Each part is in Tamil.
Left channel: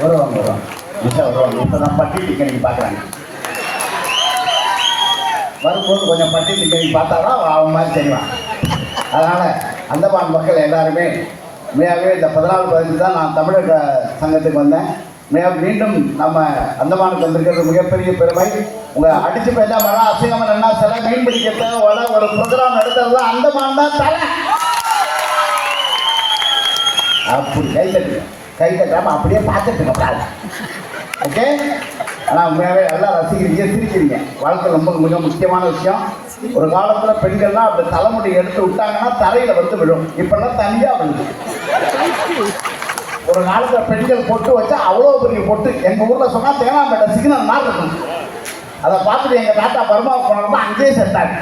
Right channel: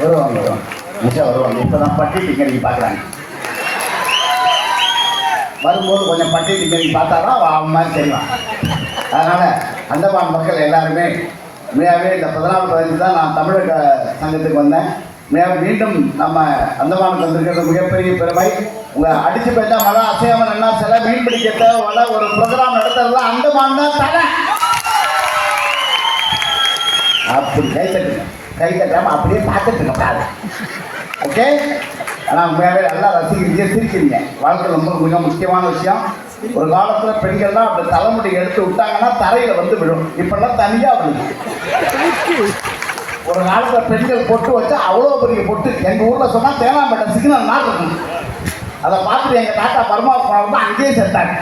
வருவாங்க வருவாங்க. இப்போ நான் பட்டி டிக்கெட் பார்க்குறாங்க. வரும்போது கொஞ்சம் பட்டி டிக்கெட் பார்த்தாதான் அவன் மாதிரி தெரியும். அதனால் அந்தமான் மக்கள் எல்லாருமே உண்மையாகவே இந்த 14 வயது தான் நான் தமிழக சங்கத்துக்கு வந்தேன். மீண்டும் நம்ம அந்தமானுக்கு வந்திருக்கிறது மிகப்பெரிய பெருமை. உங்கள் அடிச்சு போயிட்டா மழை அசையாமல் என்ன சில மீன் பிடிக்கிட்ட ஒரு ப்ரோக்ராம் நடத்துறது அந்தமான் தான் தலை. அப்படி கை தட்டாமல் அப்படியே பார்த்துட்டு இருக்காது. ஓகே. ஆனால் உண்மையாகவே நல்லா ரசிக்கிறீங்க, சிரிக்கிறீங்க. வாழ்க்கை ரொம்ப மிக முக்கியமான விஷயம். ஒரு காலத்தில் பெண்கள்லாம் அப்படி தலைமுடி எடுத்து விட்டாங்கன்னா தரையில் வந்து விடும். இப்பெல்லாம் தனியாக விழுது. ஒரு காலத்தில் பெண்கள் பொட்டு வச்சா அவ்வளோ பெரிய பொட்டு. எங்கள் ஊரில் சொன்னால் தேனாம்பேட்டை சிக்னல் நாள் இருக்கும். அதை பார்த்துட்டு எங்கள் தாத்தா பர்மா போனாலும் அங்கேயே செத்தாங்க.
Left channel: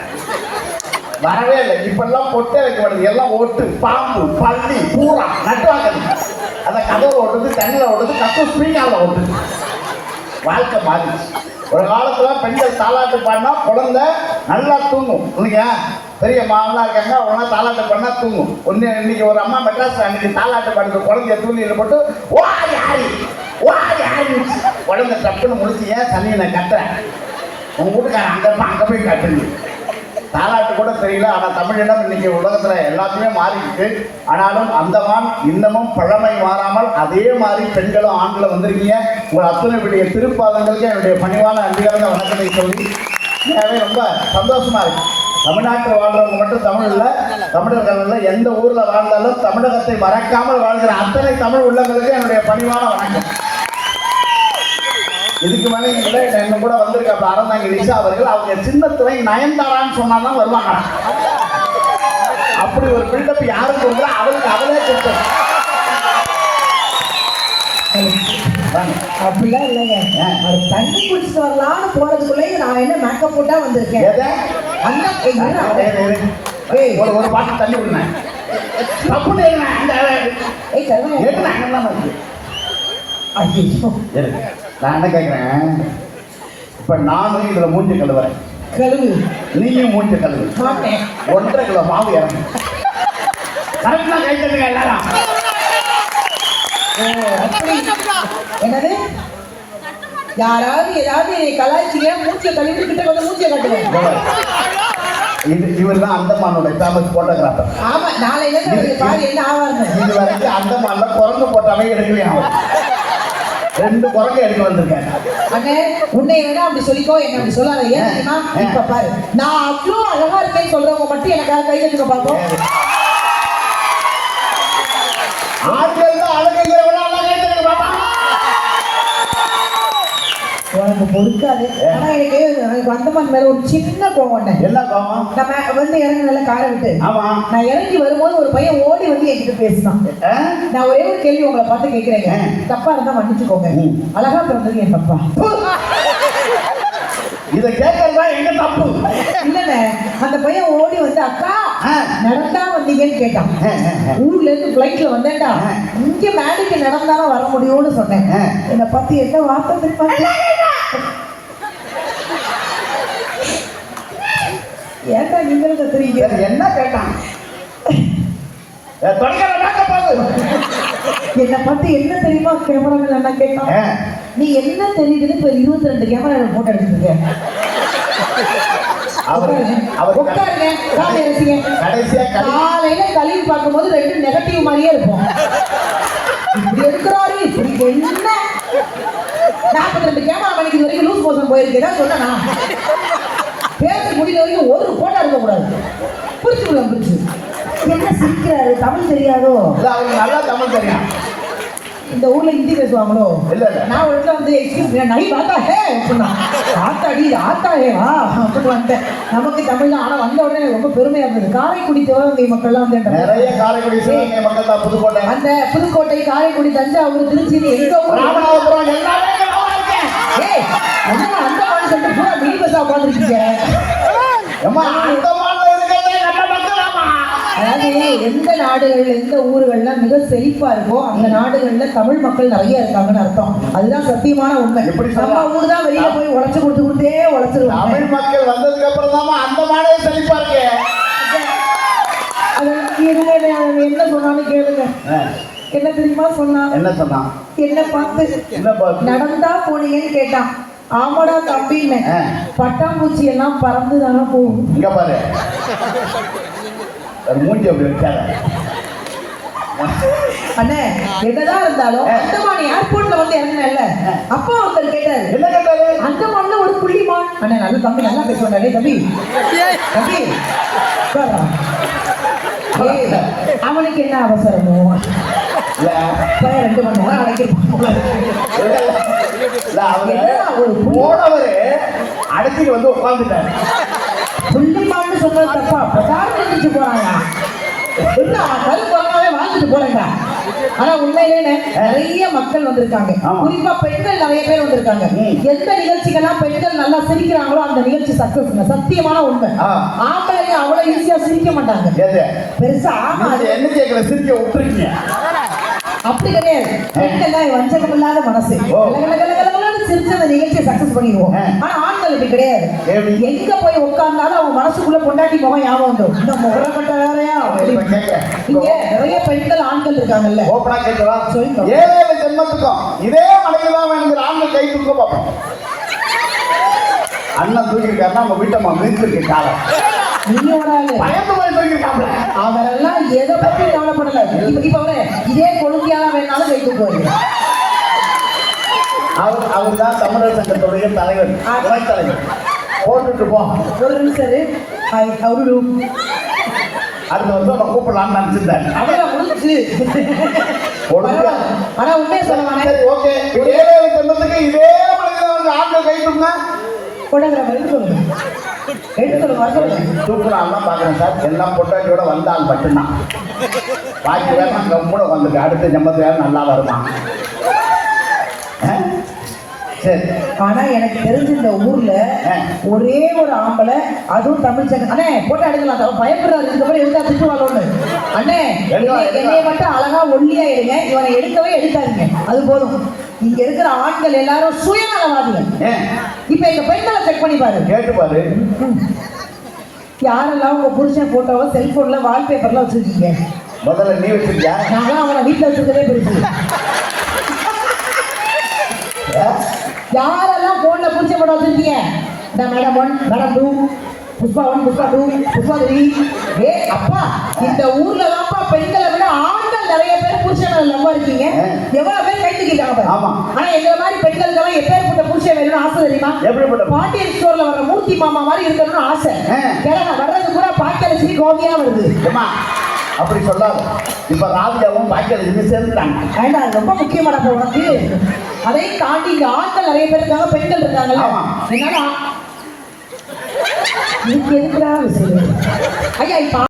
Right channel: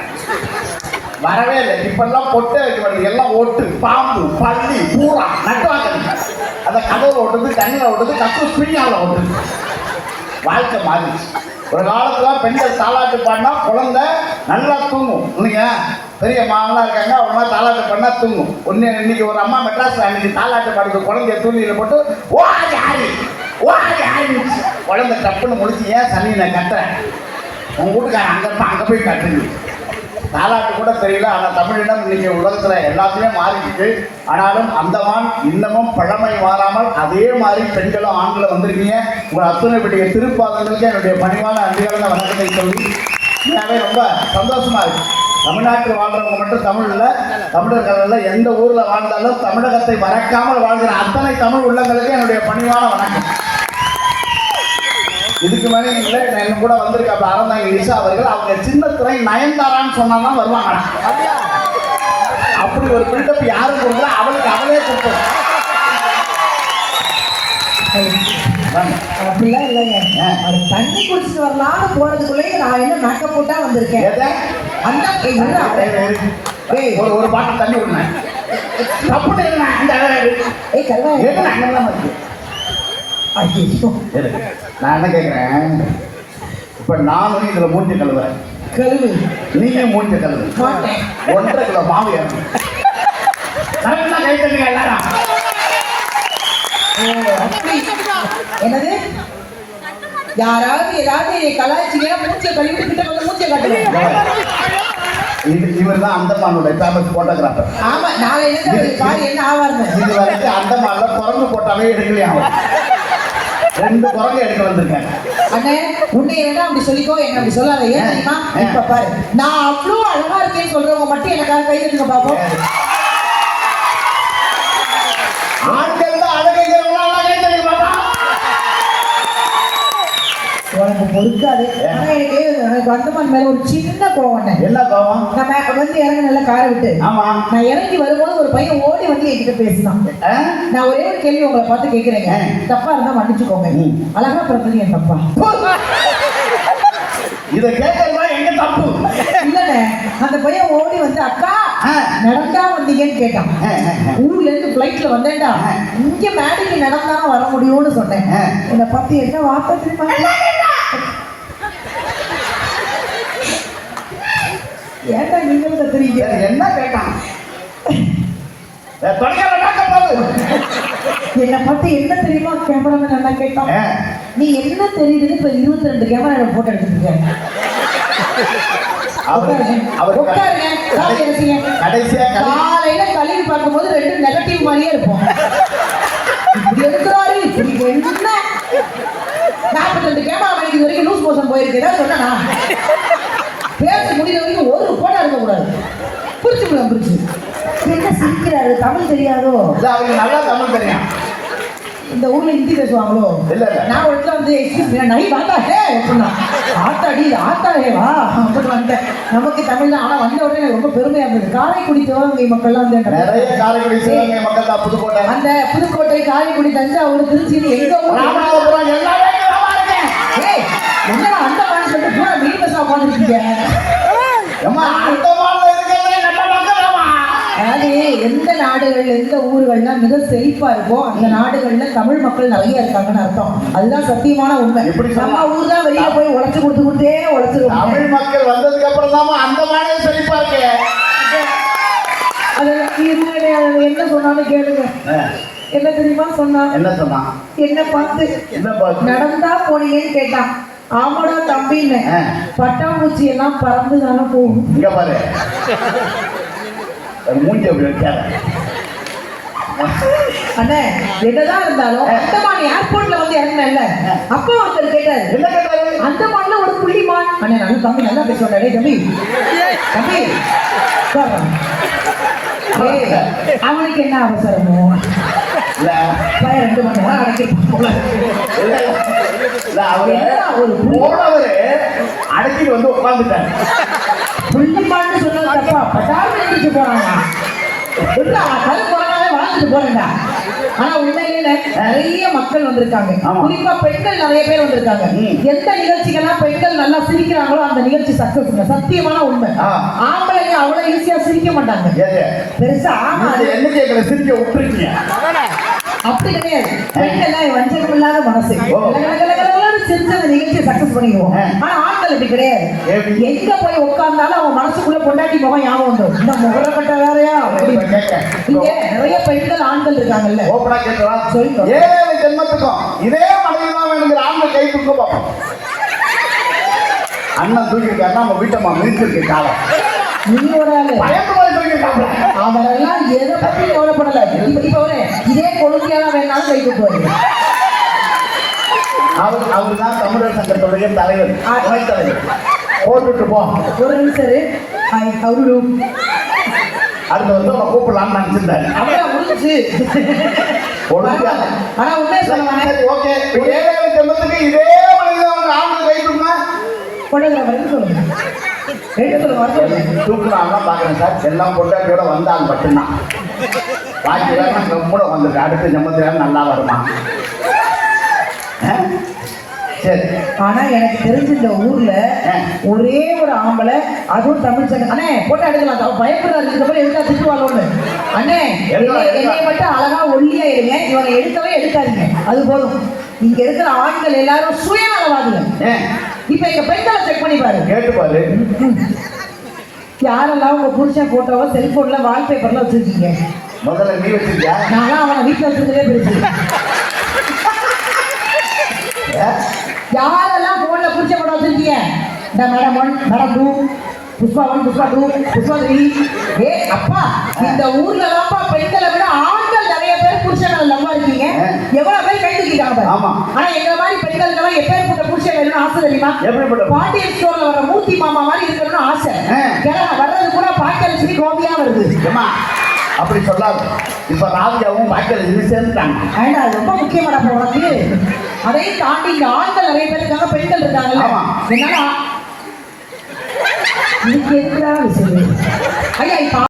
வரவே இல்லை. இப்பெல்லாம் பொட்டே வைக்க வேண்டியது எல்லாம் ஒட்டு, பாம்பு, பள்ளி, பூரா நட்டுவாங்க. அதை கதவை ஓட்டுது, தண்ணியில் ஓட்டுது, கப்பு ஸ்பீக்காவில் ஓட்டுது. வாழ்க்கை மாறிடுச்சு. ஒரு காலத்தில் பெண்கள் தாலாட்டு பாடினா குழந்தை நல்லா தூங்கும். இன்னைக்கு பெரிய மாமலாம் இருக்காங்க, அவங்களாம் தாலாட்டு பாடினா தூங்கும். ஒன்று இன்னைக்கு ஒரு அம்மா மெட்ராஸில் அன்னைக்கு தாலாட்டு பாடுறது குழந்தைய தூணியில் போட்டு ஓடி ஆடி குழந்தை டப்புன்னு முடிச்சு ஏன் சனியை கட்டுறேன் உங்கள் வீட்டுக்காரன் அங்கே போய் கட்டுங்க. தாலாட்டு கூட தெரியல. ஆனால் தமிழினம் இன்னைக்கு உலகத்தில் எல்லாத்தையுமே மாறிக்கிட்டு. ஆனாலும் அந்தமான் இன்னமும் பழமை மாறாமல் அதே மாதிரி பெண்களும் ஆண்களும் வந்திருக்கீங்க. உங்கள் அத்தனை பெரிய திருப்பாதங்களுக்கு என்னுடைய பணிவான நன்றிகளான வணக்கத்தை சொல்லி ரொம்ப சந்தோஷமா இருக்கு. தமிழ்நாட்டில் வாழ்றவங்க மட்டும் தமிழில் தமிழர்கள் எந்த ஊரில் வாழ்ந்தாலும் தமிழகத்தை மறக்காமல் வாழ்கிற அத்தனை தமிழ் உள்ளவங்களுக்கு என்னுடைய பணிவான வணக்கம். இதுக்கு மேலே இல்லை என்ன கூட வந்திருக்க அறந்தாங்க நிஷா அவர்கள். அவங்க சின்ன துறை நயன்தாரான்னு சொன்னாங்கன்னா வருவாங்க. அப்படி ஒரு பில்டப் யாரும் கொடுக்கல, அவளுக்கு அவளே கொடுப்போம். அப்படிலாம் இல்லைங்க. அது தண்ணி குடிச்சிட்டு வரலாம் போறதுக்குள்ளே நான் என்ன மேக்கப் போட்டா வந்திருக்கேன். ஒரு பாட்டு தண்ணி விடுனேன். நான் என்ன கேட்கிறேன், இப்ப நானும் இதுல மூஞ்சி கழுவுறேன். கழுவு. நீயும் மூஞ்சி கழுவு. 1.5 கிலோ மாவு ஏறணும். என்னது யாராவது ஏதாவது கலாய்ச்சியா மூச்சிய கழுவிட்டு கிட்ட வந்து மூச்சிய காட்டுங்க. இவர் தான் அந்தமானோட ஃபேமஸ் போட்டோகிராஃபர். ஆமா, நாளையில இருந்து என்ன ஆவாருங்க. இது வரைக்கும் அந்தமான குரங்கு போட்டாவே எடுக்கலையா? 2 குரங்கு எடுக்க வந்திருக்கேன். அண்ணே உன்னை என்ன அப்படி சொல்லிக்கோ, என்ன அப்படி சொல்லாத. ஏன் தெரியுமா? இப்ப பாரு, நான் அவ்வளோ அழகா இருக்கேன்னு சொல்றவங்க மட்டும் எனக்காக கை தட்டுங்க பாப்போம். உனக்கு பொறுக்காது. ஆனா எனக்கு அந்தமான் மேல ஒரு சின்ன கோவம். என்ன கோவம்? நம்ம வந்து இறங்கி நல்லா காரை விட்டு நான் இறங்கி வரும்போது ஒரு பையன் ஓடி வந்து என்கிட்ட பேசினான். நான் ஒரே ஒரு கேள்வி உங்களை பார்த்து கேட்கிறேங்க, தப்பா இருந்தா மன்னிச்சுக்கோங்க. அழகா பிறந்தது என் தப்பா? இதை கேட்கறதா எங்க தப்பு இல்லண்ணே. அந்த பையன் ஓடி வந்து அக்கா நடந்தா வந்தீங்கன்னு கேட்டான். ஊர்ல இருந்து பிளைட்ல வந்தேன்டா, இங்க மேடைக்கு நடந்தாலும் வர முடியும்னு சொன்னேன். என்னை பத்தி என்ன வார்த்தை தெரியுமா? ஏன்டா நீங்களும் கத்துறீங்க? என்ன கேட்டான்? என்னை பத்தி என்ன தெரியுமா கேமராமேன் என்ன கேட்டான்? நீ என்ன தெரியுதுன்னு இப்ப 22 கேமரா போட்டோ எடுத்துருக்க. காலையில கழுவி பார்க்கும்போது 2 நெகட்டிவ் மாதிரியே இருக்கும். இருக்கிறாரு இப்படி என்ன 42 கேமரா மணிக்கு இது வரைக்கும் லூஸ் மோஷன் போயிருக்கேன் சொன்னா பேச முடியல வரைக்கும் ஒரு போட்டோ இருக்க கூடாது. புரிச்சுக்கலாம் புரிச்சு. என்ன சிரிக்கிறாரு? தமிழ் தெரியாதோ? நல்லா தமிழ் தெரியும். இந்த ஊர்ல ஹிந்தி பேசுவாங்களோ? நான் ஒரு இடத்துல வந்து எக்ஸ்கியூஸ் நடி பார்த்தா ஹே சொன்னா ஆத்தாடி ஆத்தாடேவா அப்படி வந்தேன். நமக்கு தமிழ்ல ஆனா வந்த உடனே ரொம்ப பெருமையா இருந்தது. காரைக்குடி சிவகங்கை மக்கள்லாம் வந்து நிறைய காரைக்குடி சிவகங்கை மக்கள் புதுக்கோட்டை, அந்த புதுக்கோட்டை, காரைக்குடி, தஞ்சாவூர், திருச்சி, எங்க ஊர் ராமநாதபுரம் எல்லாமே அந்த மாதிரி சொல்லிட்டு பூரா மீன் பசா உட்காந்துருக்கீங்க. அதாவது எந்த நாடுகள் எந்த ஊர்கள்லாம் மிக செழிப்பா இருக்கோ அந்த நாடுகள்ல தமிழ் மக்கள் நிறைய இருக்காங்கன்னு அர்த்தம். அதுதான் சத்தியமான உண்மை. நம்ம ஊர் தான் வெளியில போய் உழைச்சு கொடுத்துக்கிட்டே உழைச்சிருவோம். தமிழ் மக்கள் வந்ததுக்கு அப்புறம் தான் அந்த நாடே செழிப்பா இருக்கு. அதெல்லாம் என்ன சொன்னாலும் கேளுங்க. என்ன தெரியுமா சொன்னா? என்ன சொன்னான்? என்ன பார்த்து என்ன பார்த்து? நடந்தா போனீங்கன்னு கேட்டான். ஆமாடா தம்பின்னு. ஆ. பட்டாம்பூச்சி எல்லாம் பறந்து தானே போகும். இங்க பாரு, மூஞ்சி அப்படி வைக்காத. அண்ணே என்னதான் இருந்தாலும் அந்தமான் ஏர்போர்ட்ல வந்து இறங்கினல்ல, அப்பா ஒருத்தர் கேட்டாரு, என்ன கேட்டாரு? அந்தமான்ல ஒரு புள்ளிமான். அண்ணே நல்ல தம்பி, நல்லா பேசுவாங்க. டேய் தம்பி தம்பி உட்காரு. ஏய், அவனுக்கு என்ன அவசரமோ? இல்ல, 2 மணி நேரம் வரைக்கும் இல்ல, அவரு போனவரு அடக்கி வந்து உட்கார்ந்துட்டாரு. புள்ளிமான்னு சொன்னது தப்பா? பட்டாரம் எடுத்துட்டு போறாங்க. வாழ்ந்துட்டு போறேன்டா. ஆனா உண்மையிலே நிறைய மக்கள் வந்திருக்காங்க. குறிப்பா பெண்கள் நிறைய பேர் வந்திருக்காங்க. எந்த நிகழ்ச்சிக்கெல்லாம் பெண்கள் நல்லா சிரிக்கிறாங்களோ அந்த நிகழ்ச்சி சக்சஸ். சத்தியமான உண்மை. ஆம்பளைங்க அவ்வளவு ஈஸியா சிரிக்க மாட்டாங்க. பெருசா என்ன கேட்கல, சிரிக்க விட்டுருக்கீங்க. அப்படி கிடையாது. பெண்கள் வஞ்சகம் இல்லாத மனசு. சிரிச்சு அந்த நிகழ்ச்சியை சக்சஸ் பண்ணிடுவோம். ஆனா ஆண்கள் இப்படி கிடையாது. எங்க போய் உட்கார்ந்தாலும் அவன் மனசுக்குள்ள பொண்டாட்டி முகம் ஞாபகம் வந்துடும். இந்த முகப்பட்ட வேறையா? இங்க நிறைய பெண்கள் ஆண்கள் இருக்காங்கல்ல. ஓப்பனா கேட்கவா? சொல்லுங்க. ஏழு ஜென்மத்துக்கும் இதே மனைவிதான் வேணுங்கிற ஆண்கள் கை தூக்க பார்ப்போம். அண்ணன் தூக்கிட்டாருன்னா நம்ம வீட்டம்மா மிதிச்சிருக்கு காலம். நீங்க ஒரு ஆளு அவரெல்லாம் எதை பத்தி கவலைப்படல. இப்ப ஒரு இதே கொழுங்கியால வேணாலும் கை தூக்குவாரு. அவர் தான் தமிழர் சங்கத்துடைய தலைவர், துணைத் தலைவர். போட்டுட்டு போ. ஒரு நிமிஷம். அவரு அடுத்த வந்து அவரை கூப்பிடலாம்னு நினைச்சிருந்தாரு. அவ்வளவு முடிஞ்சு. ஆனா உண்மையை சொல்லுவாங்க. சரி, ஓகே. ஏழு ஜென்மத்துக்கு இதே மனிதன் ஆண்கள் கை தூக்குனா சொல்லுங்க. தூக்குறாங்க பாக்குறேன் சார். எல்லாம் பொட்டாட்டியோட வந்தால் மட்டும்தான். பாக்கி வேணும் கம்மூட வந்துட்டு அடுத்த ஜென்மத்துல நல்லா வருமா? சரி. ஆனா எனக்கு தெரிஞ்ச இந்த ஊர்ல ஒரே ஒரு ஆம்பளை, அதுவும் தமிழ் சங்கம். அண்ணே போட்டோ எடுக்கலாம். பயப்படுறாரு. இதுக்கப்புறம் எடுத்தா திட்டுவாங்க. அண்ணே என்னைய மட்டும் அழகா ஒல்லியா இருங்க. இவனை எடுக்கவே எடுக்காதீங்க. அது போதும். இங்க இருக்கிற ஆண்கள் எல்லாரும் சுயநலவாதிங்க. இப்ப எங்க பெண்களை செக் பண்ணி பாரு, கேட்டு பாரு. யாரெல்லாம் உங்க புருஷன் போட்டோவோ செல்போன்ல வால்பேப்பர்ல வச்சிருக்கீங்க? முதல்ல நீ வச்சிருக்கியா? நான் அவனை வீட்டுல வச்சிருக்கவே பெருசு. யாரெல்லாம் போன்ல புருஷன் போட்டோ வச்சிருக்கீங்க? இந்த மேடம் 1, மேடம் 2, புஷ்பா 1, புஷ்பா 2, புஷ்பா 3. ஏ அப்பா, இந்த ஊர்ல எல்லாம்ப்பா பெண்களை விட ஆண்கள் நிறைய பேர் புருஷன் லவ்வா இருக்கீங்க. எவ்வளவு பேர் கை தூக்கிட்டாங்க. ஆனா எங்க மாதிரி பெண்களுக்கெல்லாம் எப்பேற்பட்ட புருஷன் வேணும்னு ஆசை தெரியுமா? பாட்டியல் ஸ்டோர்ல வர மூர்த்தி மாமா மாதிரி இருக்கணும்னு ஆசை. வர்றது கூட பாக்கியலட்சுமி கோபியா வருது. அப்படி சொல்லாது. இப்ப ராஜாவும் பாக்கியலட்சுமி சேர்ந்துட்டாங்க. அது ரொம்ப முக்கியமான உனக்கு. அதையும் தாண்டி இங்க ஆண்கள் நிறைய பேர் இருக்காங்க, பெண்கள் இருக்காங்கல்ல. என்னால இதுக்கு எதுக்குடா விஷயம்? ஐயா இப்ப